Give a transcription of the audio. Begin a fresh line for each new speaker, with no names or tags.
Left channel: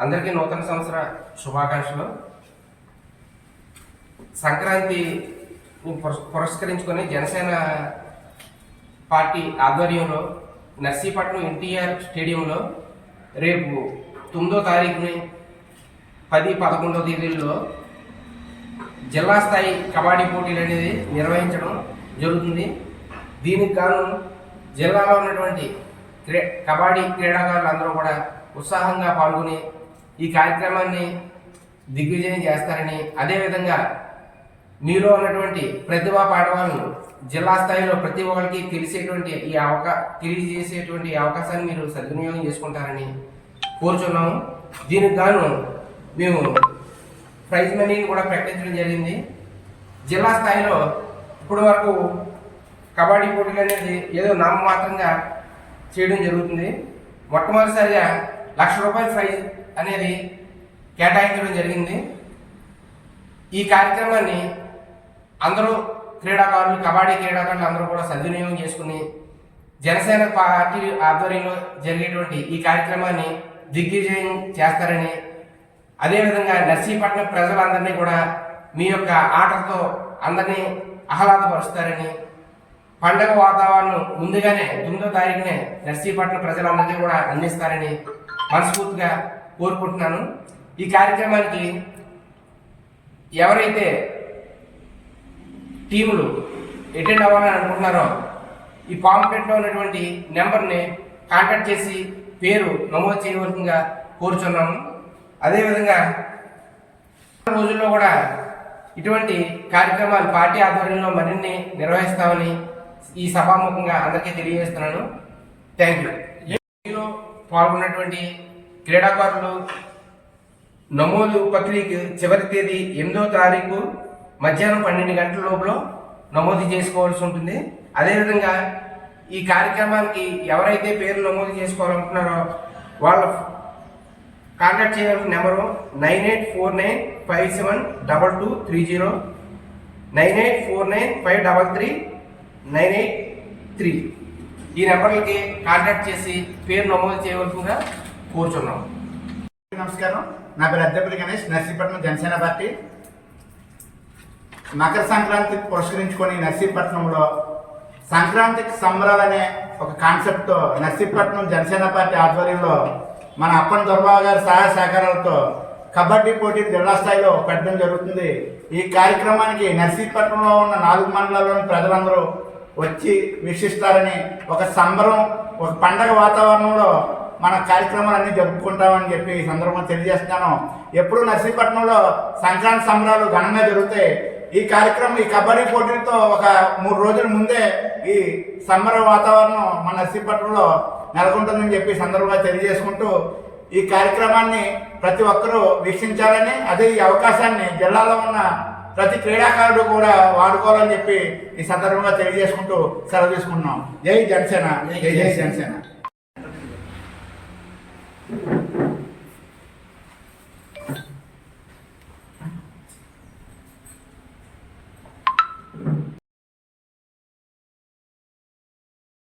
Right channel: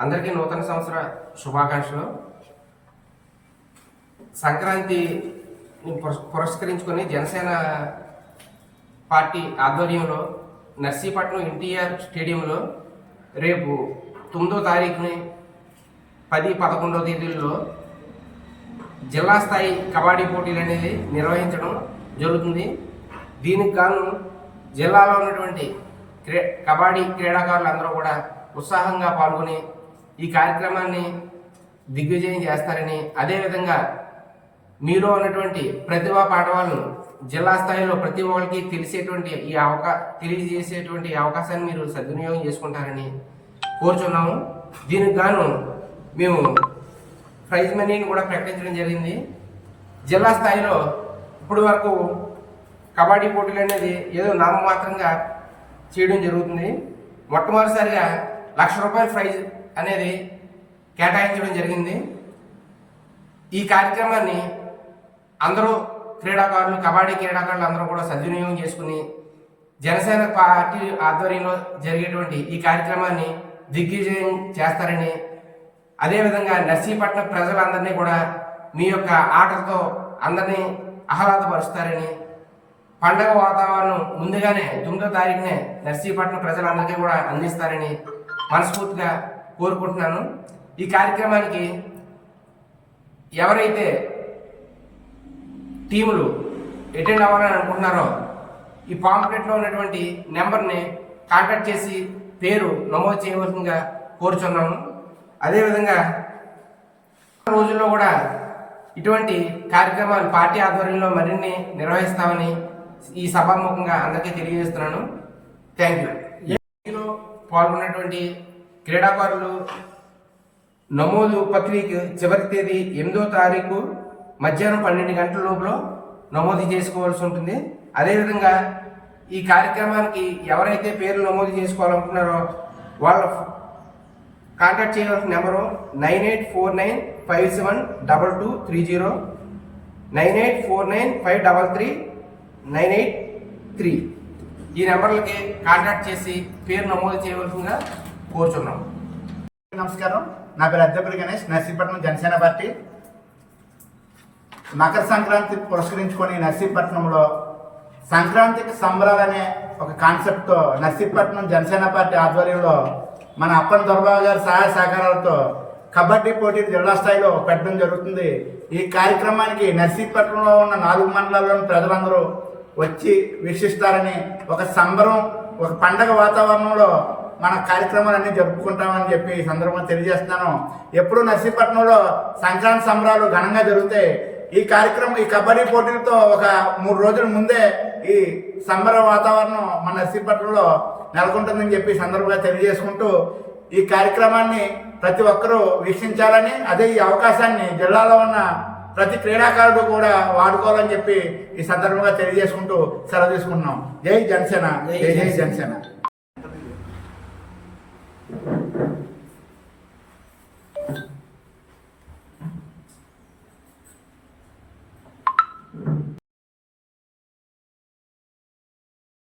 అందరికీ నూతన సంవత్సర శుభాకాంక్షలు. సంక్రాంతి పురస్- పురస్కరించుకొని జనసేన పార్టీ ఆధ్వర్యంలో నర్సీపట్నం ఎన్టీఆర్ స్టేడియంలో రేపు తొమ్మిదో తారీఖుని పది పదకొండో తేదీల్లో జిల్లా స్థాయి కబడ్డీ పోటీలు అనేది నిర్వహించడం జరుగుతుంది. దీనికి గాను జిల్లాలో ఉన్నటువంటి క్రీ కబడ్డీ క్రీడాకారులు అందరూ కూడా ఉత్సాహంగా పాల్గొని ఈ కార్యక్రమాన్ని దిగ్విజయం చేస్తారని అదేవిధంగా మీలో ఉన్నటువంటి ప్రతిభా పాఠవాలను జిల్లా స్థాయిలో ప్రతి ఒక్కరికి తెలిసేటువంటి ఈ అవకా తెలియజేసేటువంటి అవకాశాన్ని మీరు సద్వినియోగం చేసుకుంటారని కోరుచున్నాము. దీనికి గాను మేము ప్రైజ్ మనీని కూడా ప్రకటించడం జరిగింది. జిల్లా స్థాయిలో ఇప్పటి వరకు కబడ్డీ పోటీలు అనేది ఏదో నామమాత్రంగా చేయడం జరుగుతుంది. మొట్టమొదటిసారిగా లక్ష రూపాయల ప్రైజ్ అనేది కేటాయించడం జరిగింది. ఈ కార్యక్రమాన్ని అందరూ క్రీడాకారులు కబడ్డీ క్రీడాకారులు అందరూ కూడా సద్వినియోగం చేసుకుని జనసేన పార్టీ ఆధ్వర్యంలో జరిగేటువంటి ఈ కార్యక్రమాన్ని దిగ్విజయం చేస్తారని అదేవిధంగా నర్సీపట్నం ప్రజలందరినీ కూడా మీ యొక్క ఆటలతో అందరినీ ఆహ్లాదపరుస్తారని పండగ వాతావరణం ముందుగానే తొమ్మిదో తారీఖునే నర్సీపట్నం ప్రజలందరికీ కూడా అందిస్తారని మనస్ఫూర్తిగా కోరుకుంటున్నాను. ఈ కార్యక్రమానికి ఎవరైతే టీములు అటెండ్ అవ్వాలని అనుకుంటున్నారో ఈ పాంప్లెట్లో ఉన్నటువంటి నెంబర్ని కాంటాక్ట్ చేసి పేరు నమోదు చేయవలసిందిగా కోరుచున్నాము అదేవిధంగా రోజుల్లో కూడా ఇటువంటి కార్యక్రమాలు పార్టీ ఆధ్వర్యంలో మరిన్ని నిర్వహిస్తామని ఈ సభాముఖంగా అందరికీ తెలియజేస్తున్నాను. థ్యాంక్ యూ పాల్గొన్నటువంటి క్రీడాకారులు నమోదు ప్రక్రియకు చివరి తేదీ ఎనిమిదో తారీఖు మధ్యాహ్నం పన్నెండు గంటల లోపల నమోదు చేసుకోవాల్సి ఉంటుంది. అదేవిధంగా ఈ కార్యక్రమానికి ఎవరైతే పేర్లు నమోదు చేసుకోవాలనుకుంటున్నారో వాళ్ళ కాంటాక్ట్ చేయవలసిన number nine eight four nine five seven double two three zero nine eight four nine five double three nine eight three. ఈ నెంబర్లకి కాంటాక్ట్ చేసి పేరు నమోదు చేయవలసిందిగా కోరుచున్నాం.
నమస్కారం. నా పేరు అద్దెపల్లి గణేష్ నర్సీపట్నం జనసేన పార్టీ. మకర సంక్రాంతి పురస్కరించుకొని నర్సీపట్నంలో సంక్రాంతికి సంబరాలనే ఒక కాన్సెప్ట్తో నర్సీపట్నం జనసేన పార్టీ ఆధ్వర్యంలో మన అప్పన్ దొరబాబు గారి సహాయ సహకారాలతో కబడ్డీ పోటీ జిల్లా స్థాయిలో పెట్టడం జరుగుతుంది. ఈ కార్యక్రమానికి నర్సీపట్నంలో ఉన్న నాలుగు మండలాల్లోని ప్రజలందరూ వచ్చి వీక్షిస్తారని ఒక సంబరం ఒక పండగ వాతావరణంలో మన కార్యక్రమాలన్నీ జరుపుకుంటామని చెప్పి ఈ సందర్భంగా తెలియజేస్తున్నాను. ఎప్పుడు నర్సీపట్నంలో సంక్రాంతి సంబరాలు ఘనంగా జరుగుతాయి. ఈ కార్యక్రమం ఈ కబడ్డీ పోటీలతో ఒక మూడు రోజుల ముందే ఈ సంబర వాతావరణం మన నర్సీపట్నంలో నెలకొంటుందని చెప్పి సందర్భంగా తెలియజేసుకుంటూ ఈ కార్యక్రమాన్ని ప్రతి ఒక్కరూ వీక్షించాలని అదే ఈ అవకాశాన్ని జిల్లాలో ఉన్న ప్రతి క్రీడాకారుడు కూడా వాడుకోవాలని చెప్పి ఈ సందర్భంగా తెలియజేసుకుంటూ సెలవు తీసుకుంటున్నాం. జై జనసేన. జై జై జనసేన.